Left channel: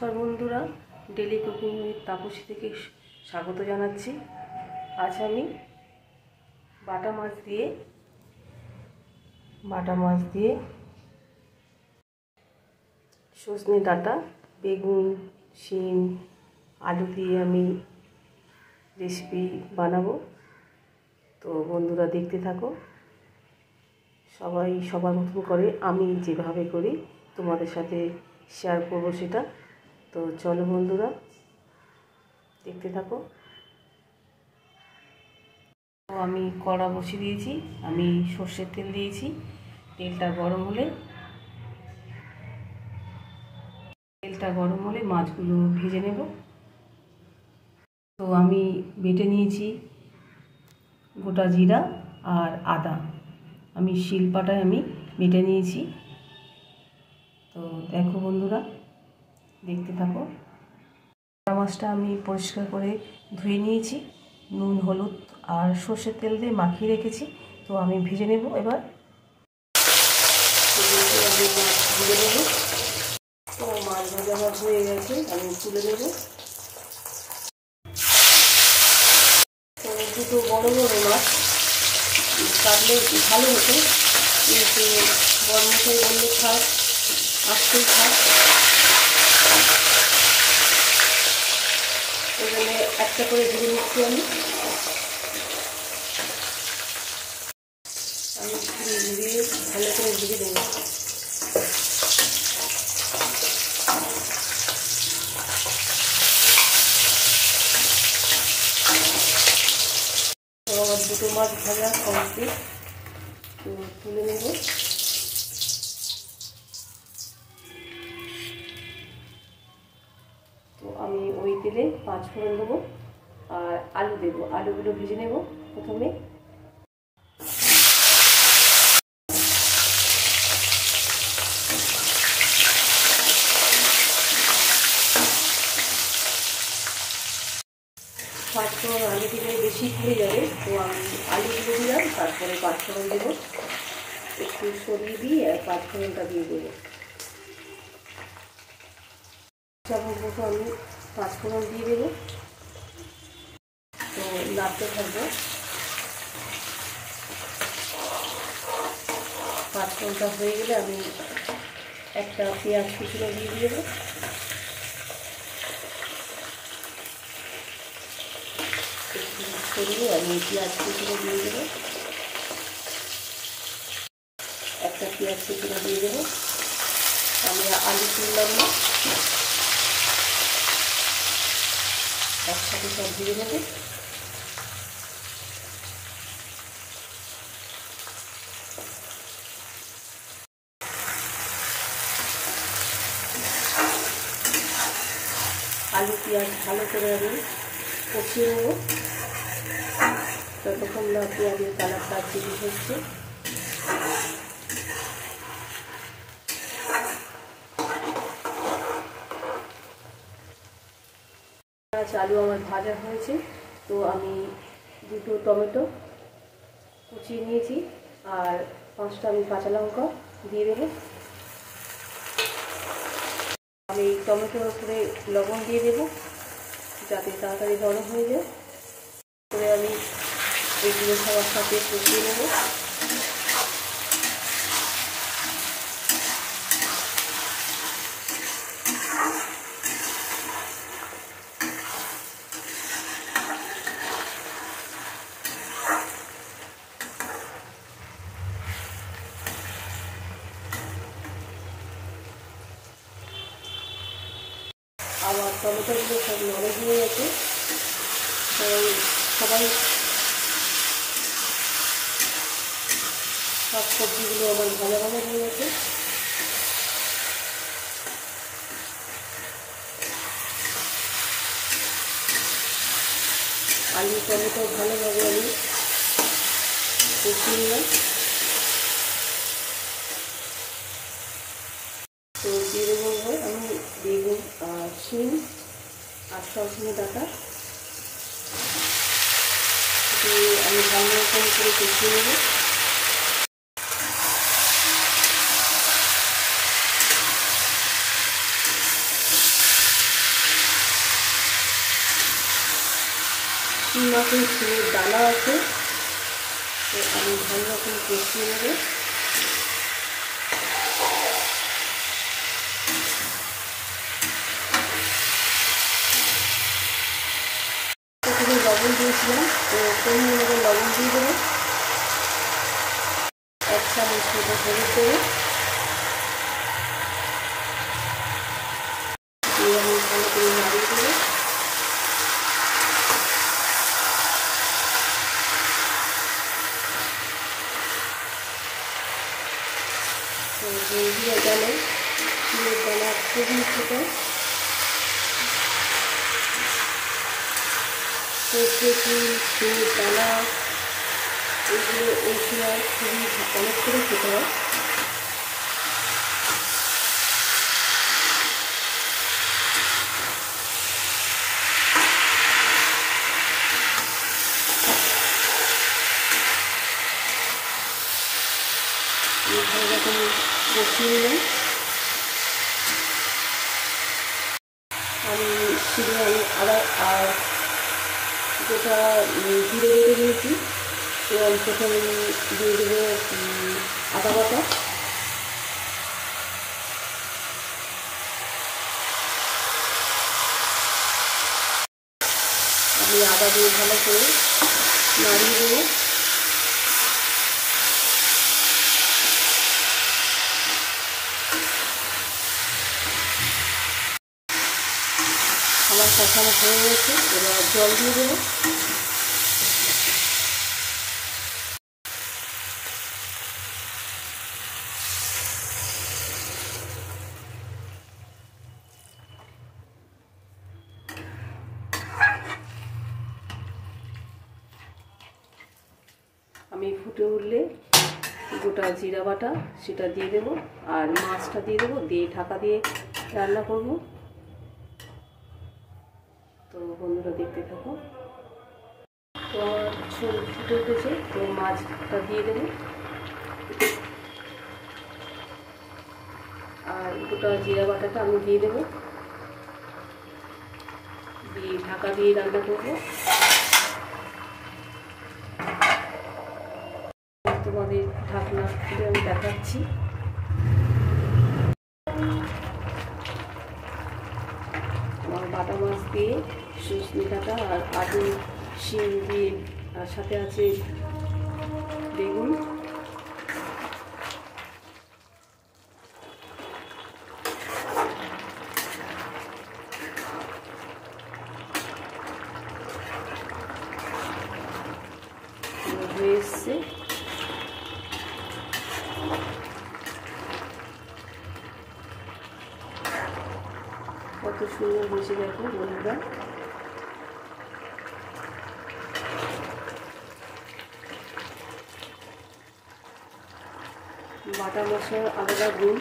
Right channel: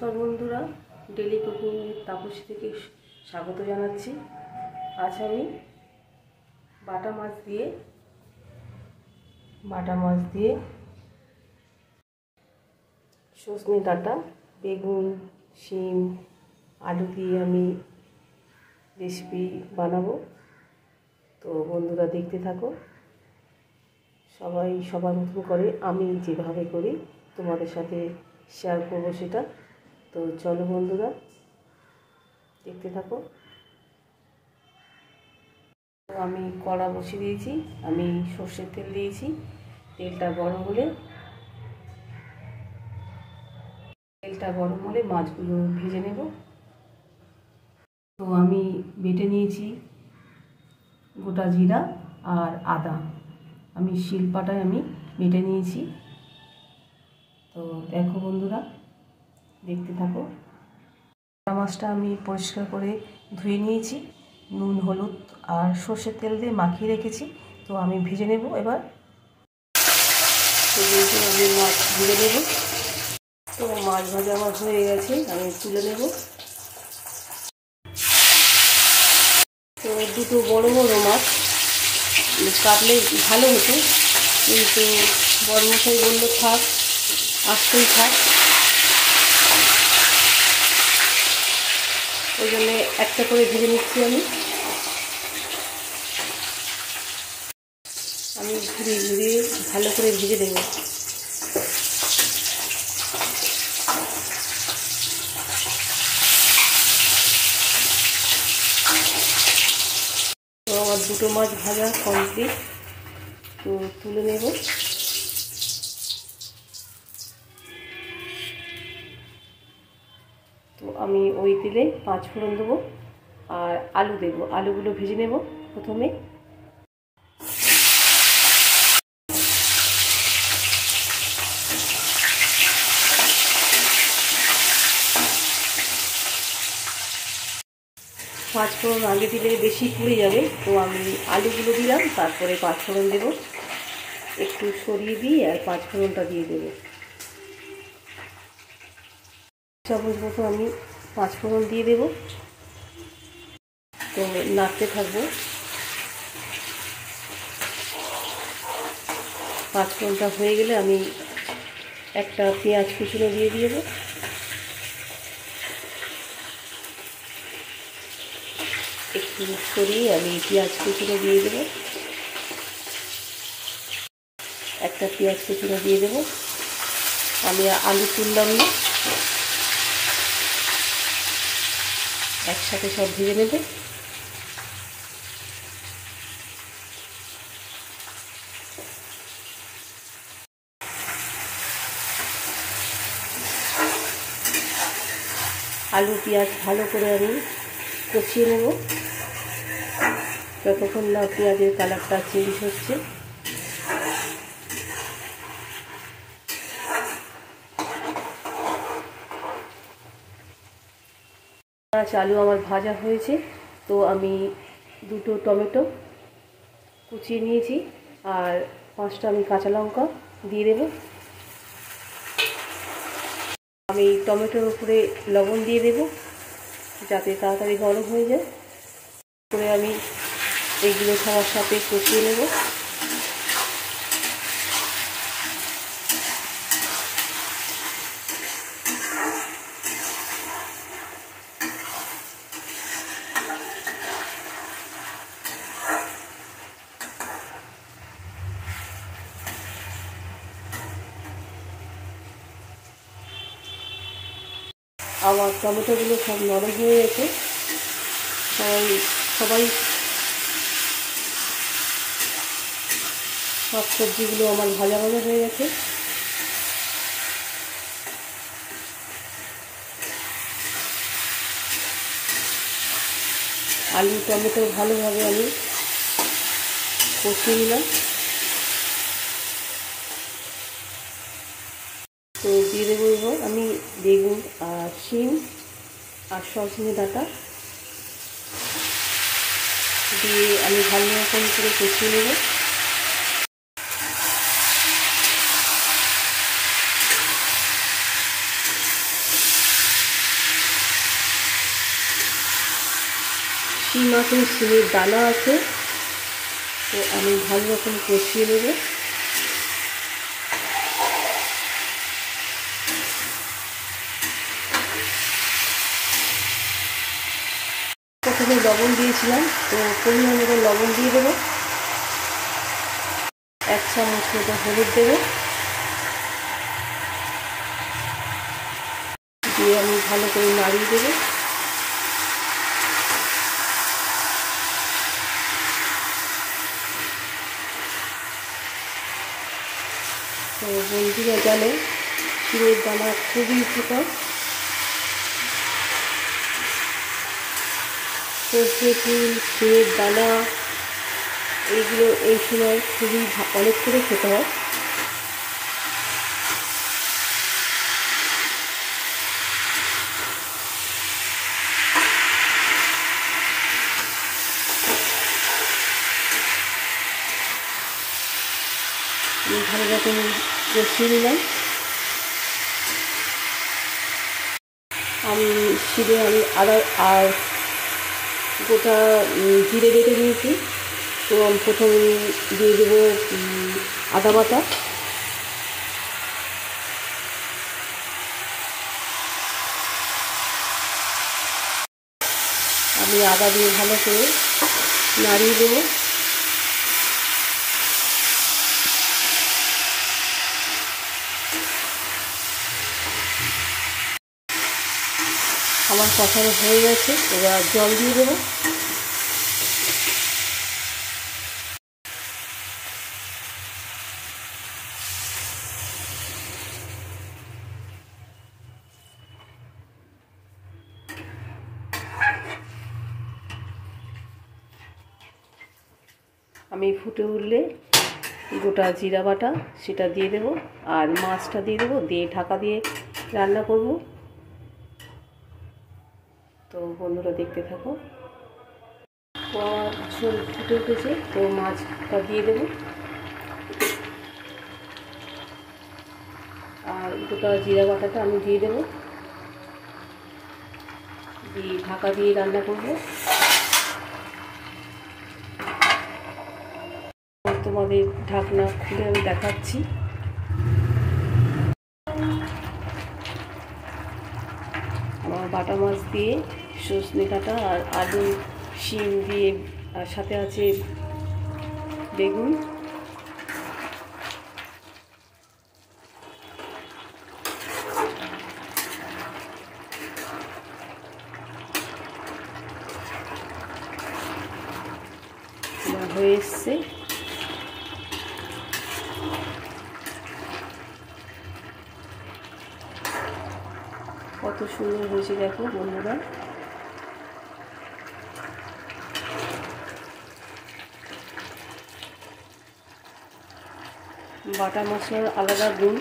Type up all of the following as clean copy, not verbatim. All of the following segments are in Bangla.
নমস্কার বন্ধুরা, ডেলি কুকিং উইথ তাপসী থেকে স্বাগত জানাচ্ছি। আজ আমি বাটা মাছ দিয়ে সজনে ডাঁটা, বেগুন, শিম, আলু দিয়ে আমি রেসিপি বানাবো। তো বন্ধুরা দেখতে থাকো। সবাই সবার মতন করে, আমি যেভাবে করি তোমাদের সাথে শেয়ার করবো সেটা। তো চলো বন্ধুরা দেখতে থাকো। তো আমি কড়া বসিয়ে দিয়েছি, আমি সর্ষের তেল দিয়েছি। তেলটা গরম হলে মাছগুলো ভেজে নেব। তো আমি বেটে নিয়েছি গোটা জিরা আর আদা, আমি শিলপাটায় বেটে নিয়েছি। তো দেখো বন্ধুরা দেখতে থাকো। মাছটা আমি পরিষ্কার করে ধুয়ে নিয়েছি, নুন, হলুদ আর সর্ষের তেল দিয়ে মাখিয়ে রেখেছি। তো আমি ভেজে নেব এবার। মাছ ভেজে নেব। তো মাছ ভাজা আমার হয়ে গেছে, আমি তুলে নেব। তো দুটো বড় বড় মাছ কাটলে ভালো হতো, কিন্তু বড় মশাই বললে থাক, আসতেই থাক। ওই জন্য একটা করে ভেজে নিচ্ছি। আমি ঘুরিয়ে ভালো করে ভেজে দেব। তো আমার দুটো মাছ ভাজা কমপ্লিট, তো তুলে নেব। তো আমি ওই তেলে 5 ফোড়ন দেবো আর আলু দেবো। আলুগুলো ভেজে নেব প্রথমে। পাঁচ ফোড়ন আগে দিলে বেশি পুড়ে যাবে, তো আমি আলুগুলো দিলাম, তারপরে 5 ফোড়ন দেবো। একটু সরিয়ে দিই আর 5 ফোড়নটা দিয়ে দেবো। চামচ মতো আমি 5 ফোড়ন দিয়ে দেবো। তো নাড়তে থাকবো। 5 ফোড়নটা হয়ে গেলে আমি একটা পেঁয়াজ কুচি দিয়ে দেবো। একটু সরিয়ে আমি পেঁয়াজ কুচিটা দিয়ে দেবো। একটা পেঁয়াজ কুচিটা দিয়ে দেবো। আমি আলু তুললাম না, একসাথে সব ভেজে নেবে। আলু পেঁয়াজ ভালো করে আমি কষিয়ে নেব, যতক্ষণ না পেঁয়াজের কালারটা চেঞ্জ হচ্ছে। আলু আমার ভাজা হয়েছে। তো আমি দুটো টমেটো কুচিয়ে নিয়েছি আর 5টা আমি কাঁচা লঙ্কা দিয়ে দেবো। আমি টমেটোর উপরে লবণ দিয়ে দেবো যাতে তাড়াতাড়ি গরম হয়ে যায়। করে আমি এইগুলো সবার সাথে কষিয়ে নেব। আমার টমেটোগুলো সব নরম হয়ে গেছে। সবাই সব সবজিগুলো আমার ভাজা হয়ে গেছে। আলু টমেটো ভালোভাবে আমি কষিয়ে নিলাম। তো দিয়ে দেবো আমি বেগুন আর শিম আর সজনে ডাঁটা দিয়ে আমি ভালো রকম করে কষিয়ে নেব। শিং মাছের শিঙের দানা আছে, তো আমি ভালো রকম কষিয়ে নেব। প্রথমে লবণ দিয়েছিলাম, তো পরিমাণ মতো লবণ দিয়ে দেবো। 1 চামচ মতো হলুদ দেবো, দিয়ে আমি ভালো করে নাড়িয়ে দেবো। তো বন্ধুরা জানে শিঙের দানা খুবই উপকার। সর্ষে ফুল, শিঙের দানা এইগুলো এই সময় খুবই অনেক করে খেতে হয়। ভালো রকম কষিয়ে নিলাম। আমি আদা আর গোটা জিরে বেটে নিয়েছি, তো আমি প্রথমে দিয়ে দেবো আদা বাটা, আমি আদা দিয়ে ভালো করে নাড়িয়ে দেবো। আমার কষানো হয়ে গেছে, এবার জল দিয়ে দেবো। আমি ফুটে উঠলে গোটা জিরা বাটা সেটা দিয়ে দেবো, আর মাছটা দিয়ে দেবো, দিয়ে ঢাকা দিয়ে রান্না করব। তো বন্ধুরা দেখতে থাকো। তো আমার ঝোল ফুটে উঠেছে, তো মাছটা দিয়ে দেবো, আর গোটা জিরা বাটাটা আমি দিয়ে দেবো, দিয়ে ঢাকা দিয়ে রান্না করব। তোমাদের ঢাকনা খুলে আমি দেখাচ্ছি। আমার বাটা মাছ দিয়ে সজনে ডাঁটা আর আলু, শিম দিয়ে, আর সাথে আছে বেগুন। হয়ে এসছে। কত সুন্দর হয়েছে দেখো বন্ধুরা। বাটা মশলার আলাদা গুণ।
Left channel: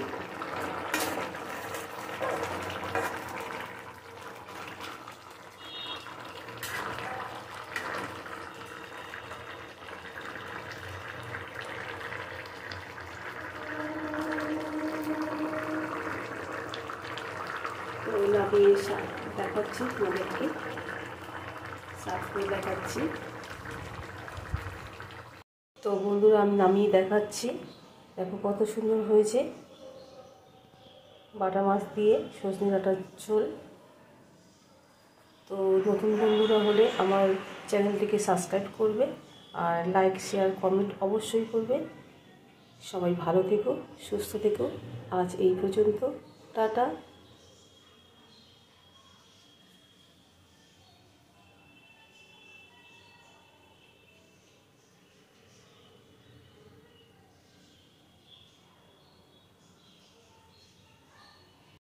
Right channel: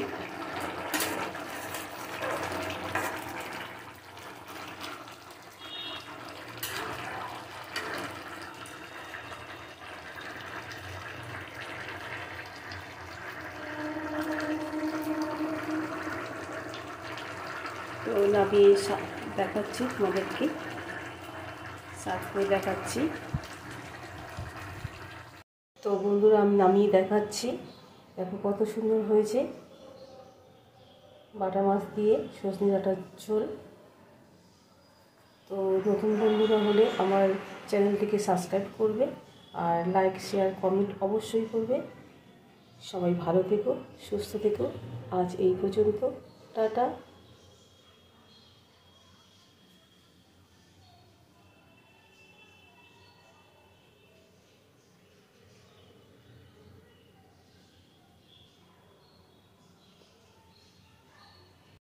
তো নামিয়ে দেখাচ্ছি তোমাদেরকে, সার্ভ করে দেখাচ্ছি। তো বন্ধুরা আমি নামিয়ে দেখাচ্ছি, দেখো কত সুন্দর হয়েছে বাটা মাছ দিয়ে সজনে ডাঁটার ঝোল। তো নতুন বন্ধুরা হলে আমার চ্যানেলটিকে সাবস্ক্রাইব করবে, আর লাইক, শেয়ার, কমেন্ট অবশ্যই করবে। সবাই ভালো থেকো, সুস্থ থেকো। আজ এই পর্যন্ত, টাটা।